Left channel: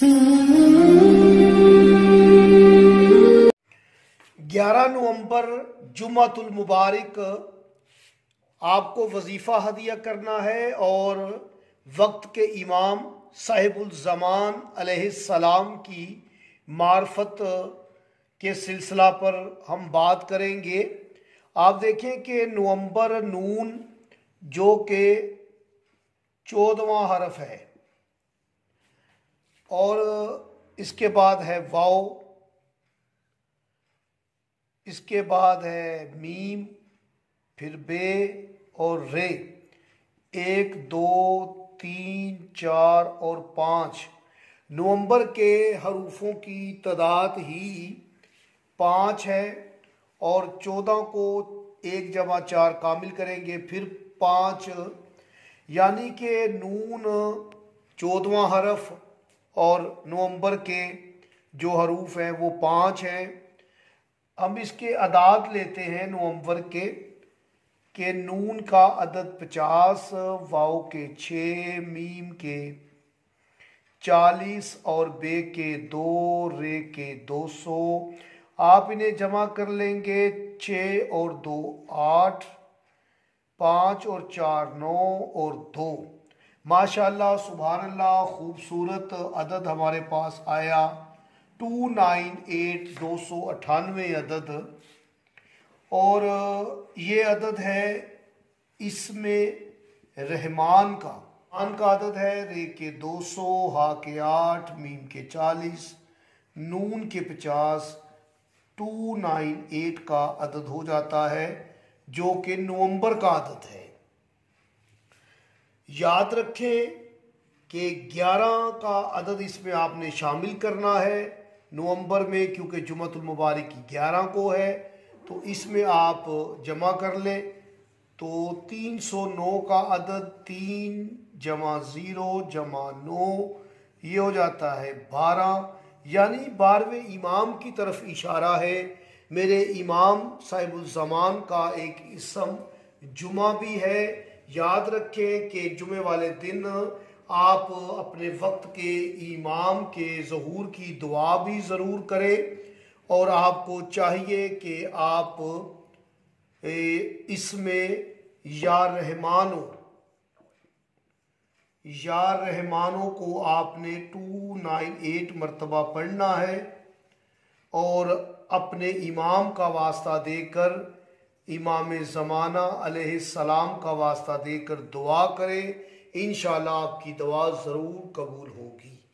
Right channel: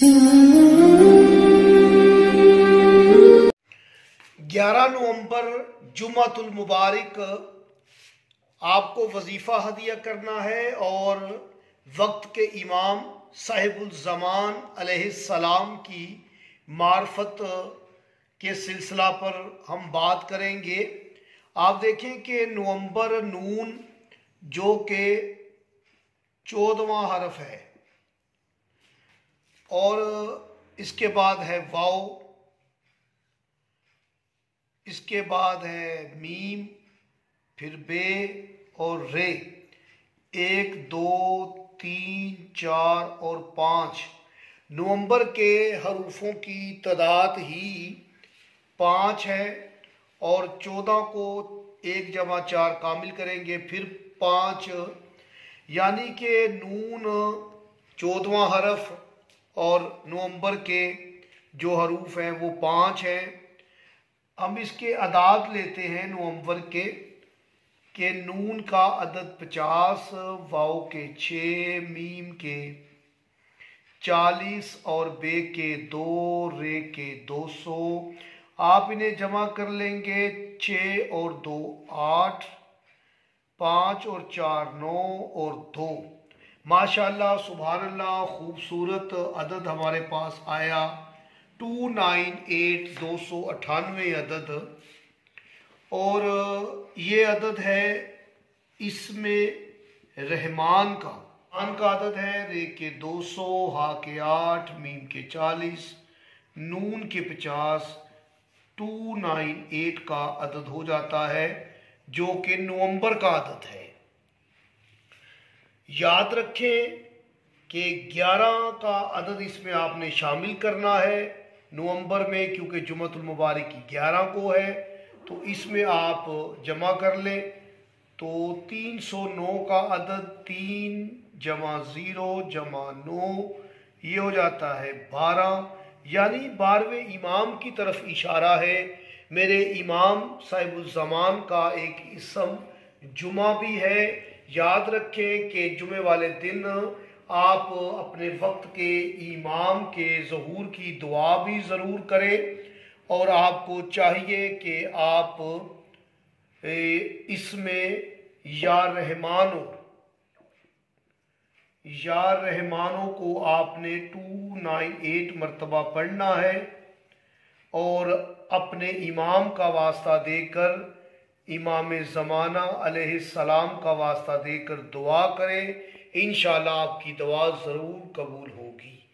11 नवंबर जुम्मतुल मुबारक आपको वजीफ़ा हदिया करना है और वक्त के इमाम साहिबुल ज़मान अलैहिस्सलाम की मार्फत के सिलसिला पर हम बात करेंगे। आप देखें कि नवंबर नून जो कि 14वां हरफ है और इसके बाद है वाव, इसके बाद है मीम, फिर बे और रे। 1 2 3 4 और 5 नवंबर के हरूफों की तादाद ही 5 है और 14 को 1 जमा 4 कामिल करेंगे फिर 5, यानी कि नून 14वां हरफ और नवंबर के जो हरूफ हैं वो 5 हैं। हम इसके अदाद लेते हैं नवंबर के नून का अदद 50, वाव के 6, मीम के 40 और बे के 2, रे के 200। आप इन्हें जमा कर लेंगे। 6 और 2 8, 5 और 4 9 और 2। माशाल्लाह सुभानअल्लाह, खूबसूरत अदद हमारे पास आया 298, 298 अदद। और ये अदद है इसमें रहमान का अदद है। रे के 200, हा के 8, मीम के 40, नून के 50, 298 का अदद हो जाता है जो कि नवंबर का अदद है। याद रखें कि 11 का अदद इसमें आपने शामिल करना है नवंबर में, क्योंकि जुम्मतुल मुबारक की 11 को है, तो इसमें आप जमा कर लें। तो 309 का अदद 3 जमा 0 जमा 9 ये हो जाता है 12, यानी 12वें इमाम की तरफ इशारा है। मेरे इमाम साहिबुल ज़मान का एक इसम जुमा भी है। याद रखें कि जुमे वाले दिन आप अपने वक्त के इमाम के ज़हूर की दुआ भी ज़रूर करें और आपको चाहिए कि आप इसमें या रहमानो को आपने 298 मरतबा पढ़ना है और अपने इमाम का वास्ता देकर, इमाम ज़माना अलैहिस्सलाम का वास्ता देकर दुआ करें। इंशाअल्लाह आपकी दुआ ज़रूर कबूल होगी।